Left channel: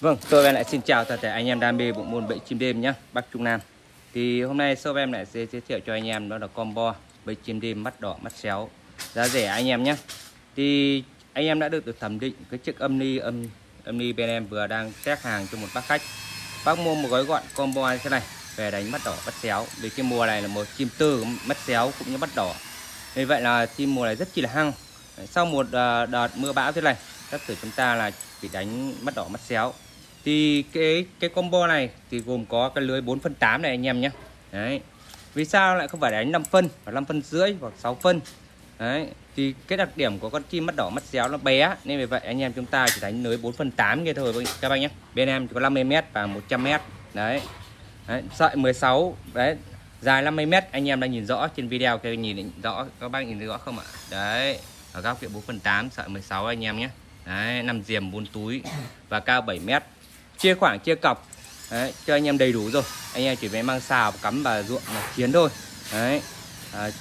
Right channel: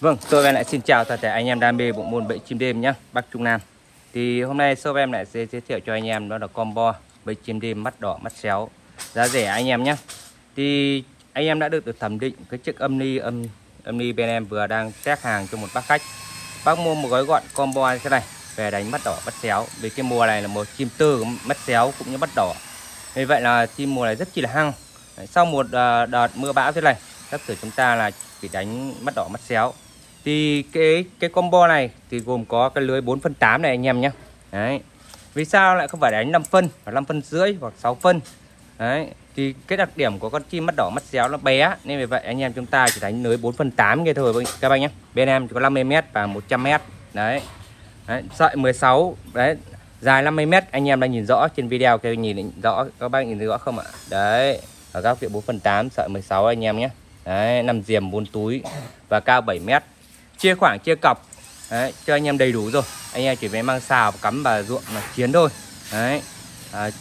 Vâng, tôi em lại xin chào tất cả anh em đam mê bộ môn bẫy chim đêm nhé, Bắc Trung Nam. Thì hôm nay shop em lại sẽ giới thiệu cho anh em đó là combo bẫy chim đêm mắt đỏ mắt xéo giá rẻ anh em nhé. Thì anh em đã được thẩm định cái chiếc âm ly bên em vừa đang test hàng cho một bác khách. Bác mua một gói gọn combo như thế này về đánh mắt đỏ mắt xéo. Vì cái mùa này là mùa chim tư mắt xéo cũng như mắt đỏ. Vì vậy là chim mùa này rất chi là hăng. Sau một đợt mưa bão thế này, tất cả chúng ta là chỉ đánh mắt đỏ mắt xéo. Thì cái combo này thì gồm có cái lưới 4/8 này anh em nhé. Đấy. Vì sao lại không phải đánh 5 phân, phải 5 phân rưỡi hoặc 6 phân. Đấy. Thì cái đặc điểm của con chim mắt đỏ mắt xéo nó bé, nên vì vậy anh em chúng ta chỉ đánh lưới 4/8 như thôi các bạn nhé. Bên em chỉ có 50m và 100m. Đấy. Đấy, sợi 16 đấy, dài 50m, anh em đang nhìn rõ trên video, cái nhìn rõ, các bác nhìn rõ không ạ? Đấy, ở góc độ 4/8 sợi 16 anh em nhé. Đấy, 5 diềm 4 túi và cao 7m. Chia khoảng chia cọc. Đấy, cho anh em đầy đủ rồi. Anh em chỉ phải mang xào cắm vào ruộng mà chiến thôi. Đấy.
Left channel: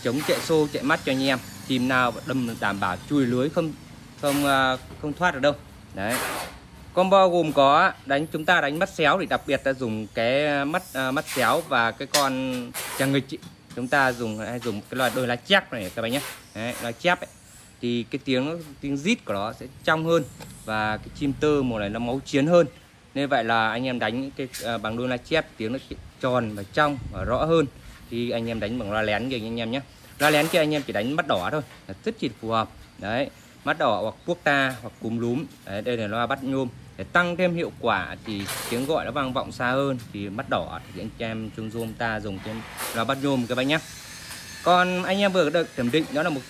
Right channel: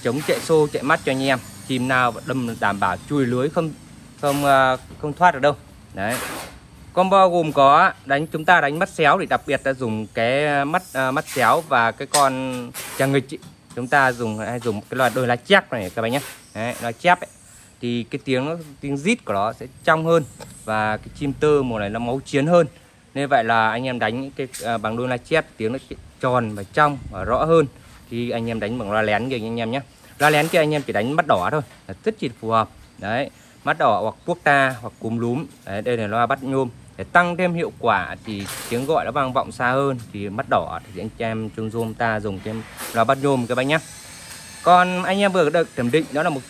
Chống chạy xô chạy mắt cho anh em. Chim nào đâm đảm bảo chui lưới không thoát được đâu. Đấy. Combo gồm có chúng ta đánh mắt xéo thì đặc biệt là dùng cái mắt xéo và cái con trà nghịch chúng ta hay dùng cái loại đôi lá chép này các bạn nhé. Đấy, lá chép ấy. Thì cái tiếng rít của nó sẽ trong hơn và cái chim tơ mùa này nó máu chiến hơn. Nên vậy là anh em đánh cái bằng đôi lá chép tiếng nó tròn và trong và rõ hơn. Thì anh em đánh bằng loa lén kìa anh em nhé. Loa lén kia anh em chỉ đánh mắt đỏ thôi là rất chỉ phù hợp. Đấy, mắt đỏ hoặc quốc ta hoặc cúm lúm. Đấy, đây là loa bắt nhôm. Để tăng thêm hiệu quả thì tiếng gọi nó vang vọng xa hơn thì mắt đỏ thì anh em trong zoom ta dùng trên loa bắt nhôm các bạn nhé. Còn anh em vừa được thẩm định đó là một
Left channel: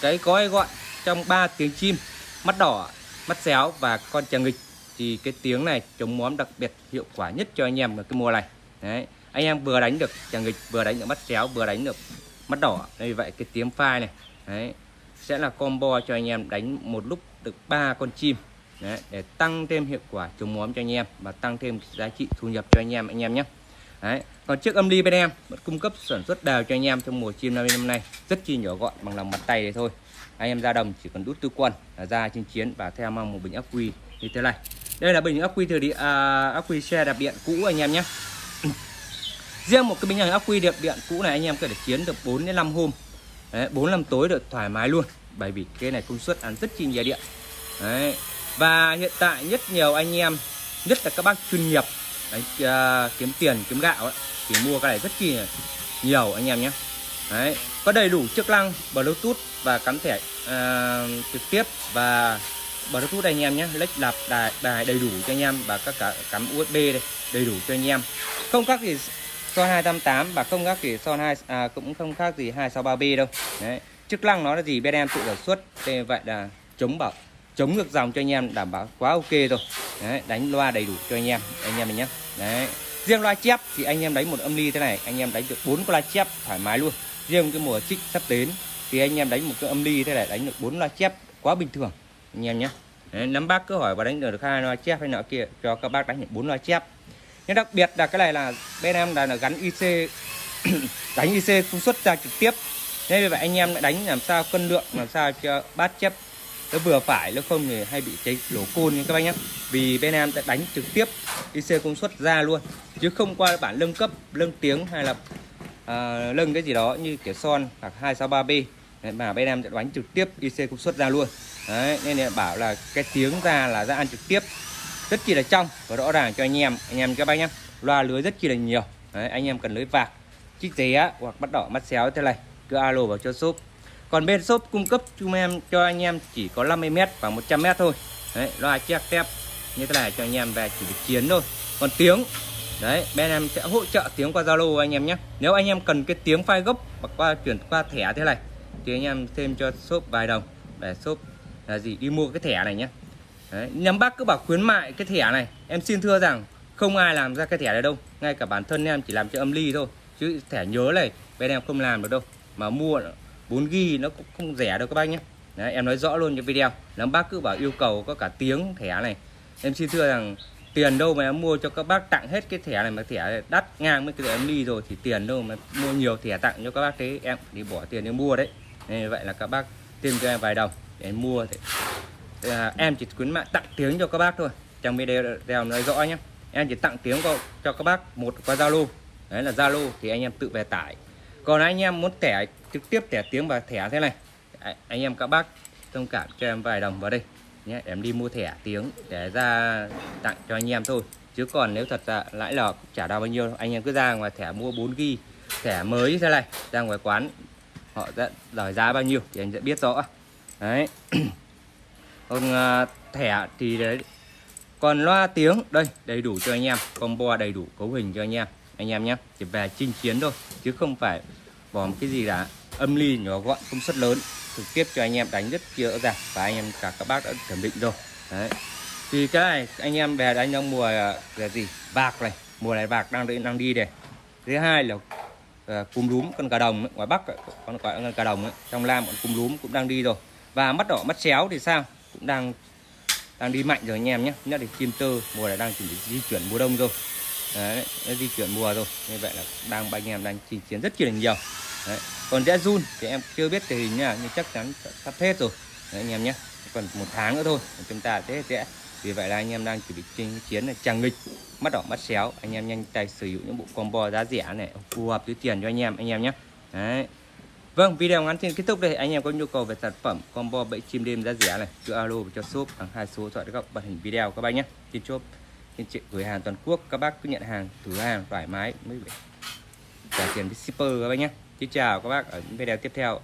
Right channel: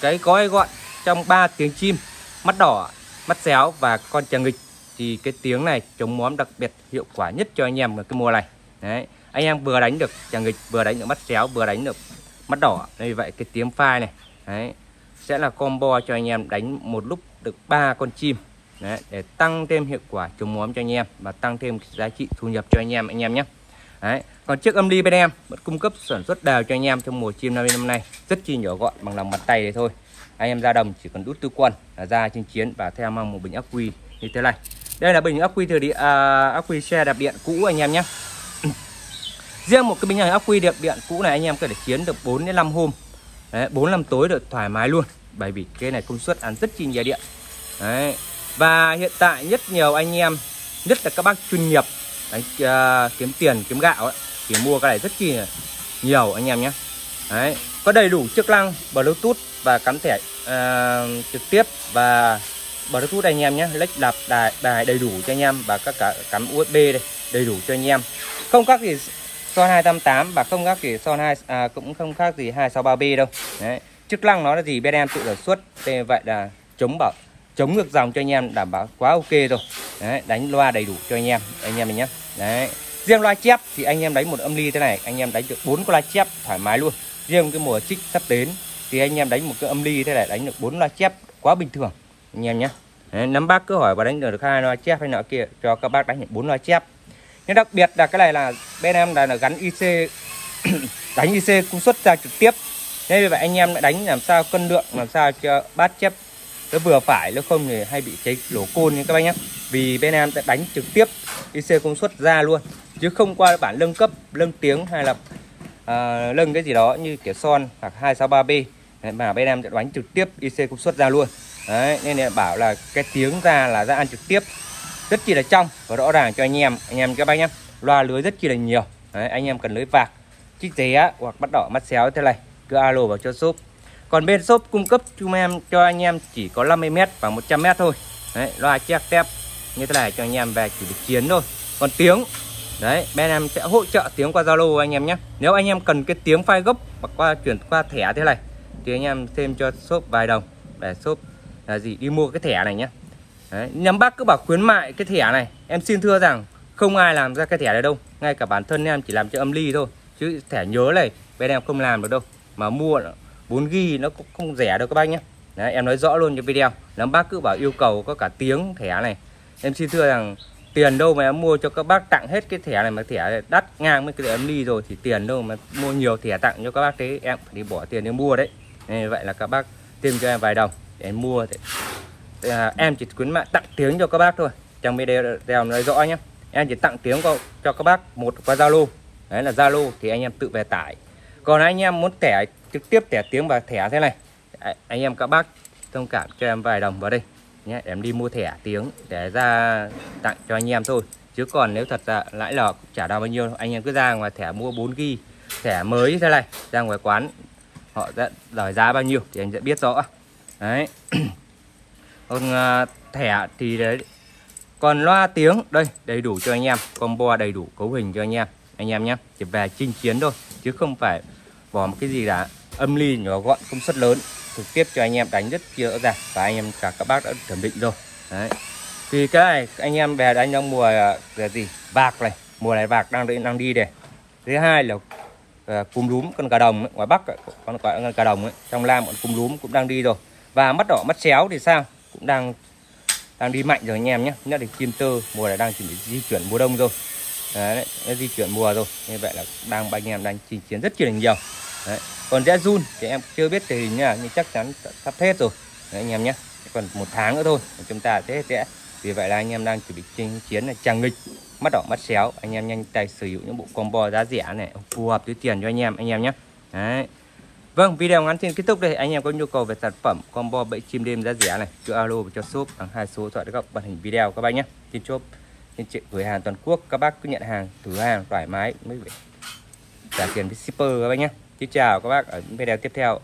cái gói gọn trong 3 tiếng chim mắt đỏ, mắt xéo và con trà nghịch. Thì cái tiếng này chống móm đặc biệt hiệu quả nhất cho anh em ở cái mùa này. Đấy, anh em vừa đánh được trà nghịch, vừa đánh được mắt xéo, vừa đánh được mắt đỏ. Đây vậy cái tiếng phai này, đấy, sẽ là combo cho anh em đánh một lúc được 3 con chim. Đấy, để tăng thêm hiệu quả chống móm cho anh em và tăng thêm giá trị thu nhập cho anh em nhé. Đấy, còn chiếc âm ly bên em vẫn cung cấp sản xuất đều cho anh em trong mùa chim năm nay, rất chi nhỏ gọn bằng lòng bàn tay này thôi. Anh em ra đồng chỉ cần đút tư quân là ra trên chiến và theo mang một bình ắc quy như thế này. Đây là bình ắc quy ắc quy xe đạp điện cũ anh em nhé. Riêng một cái bình này ắc quy đạp điện cũ này anh em có thể chiến được 4 đến 5 hôm. Đấy, 4-5 tối được thoải mái luôn, bởi vì cái này công suất ăn rất chi nhiều điện. Đấy. Và hiện tại rất nhiều anh em, nhất là các bác chuyên nghiệp đấy, kiếm tiền kiếm gạo ấy, thì mua cái này rất chi là nhiều anh em nhé. Đấy, có đầy đủ chức năng Bluetooth và cắm thẻ trực tiếp và Bluetooth anh em nhé, lách đạp đài đầy đủ cho anh em và các cả cắm USB đây đầy đủ cho anh em. Không khác gì Son 288 và không khác gì Son cũng không khác gì 263B đâu. Đấy, chức năng nó là gì bên em tự sản xuất, thế vậy là chống ngược dòng cho anh em đảm bảo quá ok rồi. Đấy, đánh loa đầy đủ cho anh em mình nhé. Đấy, riêng loa chép thì anh em đánh một âm ly thế này anh em đánh được 4 loa chép thoải mái luôn. Riêng cái mùa xích sắp đến thì anh em đánh một cái âm ly thế này đánh được 4 loa chép quá bình thường anh em nhé. Đấy, nắm bác cứ hỏi và đánh được 2 loa chép hay nọ kia cho các bác đánh được 4 loa chép. Nhưng đặc biệt là cái này là bên em là gắn IC đánh IC công suất ra trực tiếp. Thế vậy anh em đánh làm sao cân lượng, làm sao cho bát chép nó vừa phải, nếu không thì hay bị cháy đổ côn như các bác nhé. Vì bên em sẽ đánh trực tiếp IC công suất ra luôn, chứ không qua bản nâng cấp, nâng tiếng hay là nâng cái gì đó như kiểu Son hoặc 263B. Đấy, mà bên em sẽ đánh trực tiếp IC công suất ra luôn. Đấy, nên là bảo là cái tiếng ra là ra ăn trực tiếp rất chi là trong và rõ ràng cho anh em các bác nhé. Loa lưới rất chi là nhiều. Đấy, anh em cần lưới vạc, chích ré hoặc mắt đỏ mắt xéo thế này cứ alo vào cho shop. Còn bên shop cung cấp cho anh em chỉ có 50m và 100m thôi. Đấy, loa chép tép như thế này cho anh em về chỉ chiến thôi. Còn tiếng đấy, bên em sẽ hỗ trợ tiếng qua Zalo anh em nhé. Nếu anh em cần cái tiếng file gốc hoặc chuyển qua thẻ thế này thì anh em thêm cho shop vài đồng để shop là gì đi mua cái thẻ này nhé. Đấy, nhắm bác cứ bảo khuyến mại cái thẻ này, em xin thưa rằng không ai làm ra cái thẻ này đâu, ngay cả bản thân em chỉ làm cho âm ly thôi, chứ thẻ nhớ này bên em không làm được đâu, mà mua 4GB nó cũng không rẻ đâu các bác nhé. Đấy, em nói rõ luôn cho video. Nếu bác cứ bảo yêu cầu có cả tiếng thẻ này, em xin thưa rằng tiền đâu mà em mua cho các bác tặng hết cái thẻ này, mà thẻ này đắt ngang với cái thẻ âm ly rồi thì tiền đâu mà mua nhiều thẻ tặng cho các bác thế, em đi bỏ tiền để mua đấy. Nên vậy là các bác thêm cho em vài đồng để em mua. Em chỉ khuyến mại tặng tiếng cho các bác thôi. trong video nói rõ nhé. Em chỉ tặng tiếng cho các bác một qua Zalo, đấy là Zalo thì anh em tự về tải. Còn anh em muốn thẻ trực tiếp thẻ tiếng và thẻ thế này, anh em các bác thông cảm cho em vài đồng vào đây nhé, em đi mua thẻ tiếng để ra tặng cho anh em thôi. Chứ còn nếu thật ra lãi lọc trả đâu bao nhiêu, anh em cứ ra ngoài thẻ mua 4GB thẻ mới thế này, ra ngoài quán họ sẽ lời giá bao nhiêu thì anh sẽ biết rõ đấy. Còn thẻ thì đấy, còn loa tiếng đây đầy đủ cho anh em, combo đầy đủ cấu hình cho anh em nhé, chỉ về chinh chiến thôi chứ không phải bỏ một cái gì là âm ly nhỏ gọn công suất lớn, trực tiếp cho anh em đánh rất kia rõ ràng và anh em các bác đã chuẩn bị rồi đấy. Thì cái này anh em về đánh trong mùa gì vạc này, mùa này vạc đang đi này. Thứ hai là cúm rúm con cà đồng ấy, ngoài Bắc con cà đồng ấy, trong Nam cúm rúm cũng đang đi rồi. Và mắt đỏ mắt xéo thì sao, cũng đang đi mạnh rồi anh em nhé. Nhất là chim tơ mùa này đang chuẩn bị di chuyển mùa đông rồi đấy, di chuyển mùa rồi, như vậy là anh em đang chinh chiến rất là nhiều đấy. Còn rẽ run thì em chưa biết tình hình nha, nhưng chắc chắn sắp hết rồi đấy, anh em nhé. Còn 1 tháng nữa thôi chúng ta sẽ hết. Vì vậy là anh em đang chuẩn bị chinh chiến là Tràng Nghịch, mắt đỏ mắt xéo, anh em nhanh tay sở hữu những bộ combo giá rẻ này phù hợp với tiền cho anh em nhé. Đấy. Vâng, video ngắn xin kết thúc đây. Anh em có nhu cầu về sản phẩm combo bẫy chim đêm giá rẻ này, cứ alo cho shop bằng 2 số điện thoại các màn hình video các bác nhé. Trên shop trên chị gửi hàng toàn quốc, các bác cứ nhận hàng thử hàng thoải mái mới trả tiền với shipper các bác nhé. Xin chào các bác ở những video tiếp theo.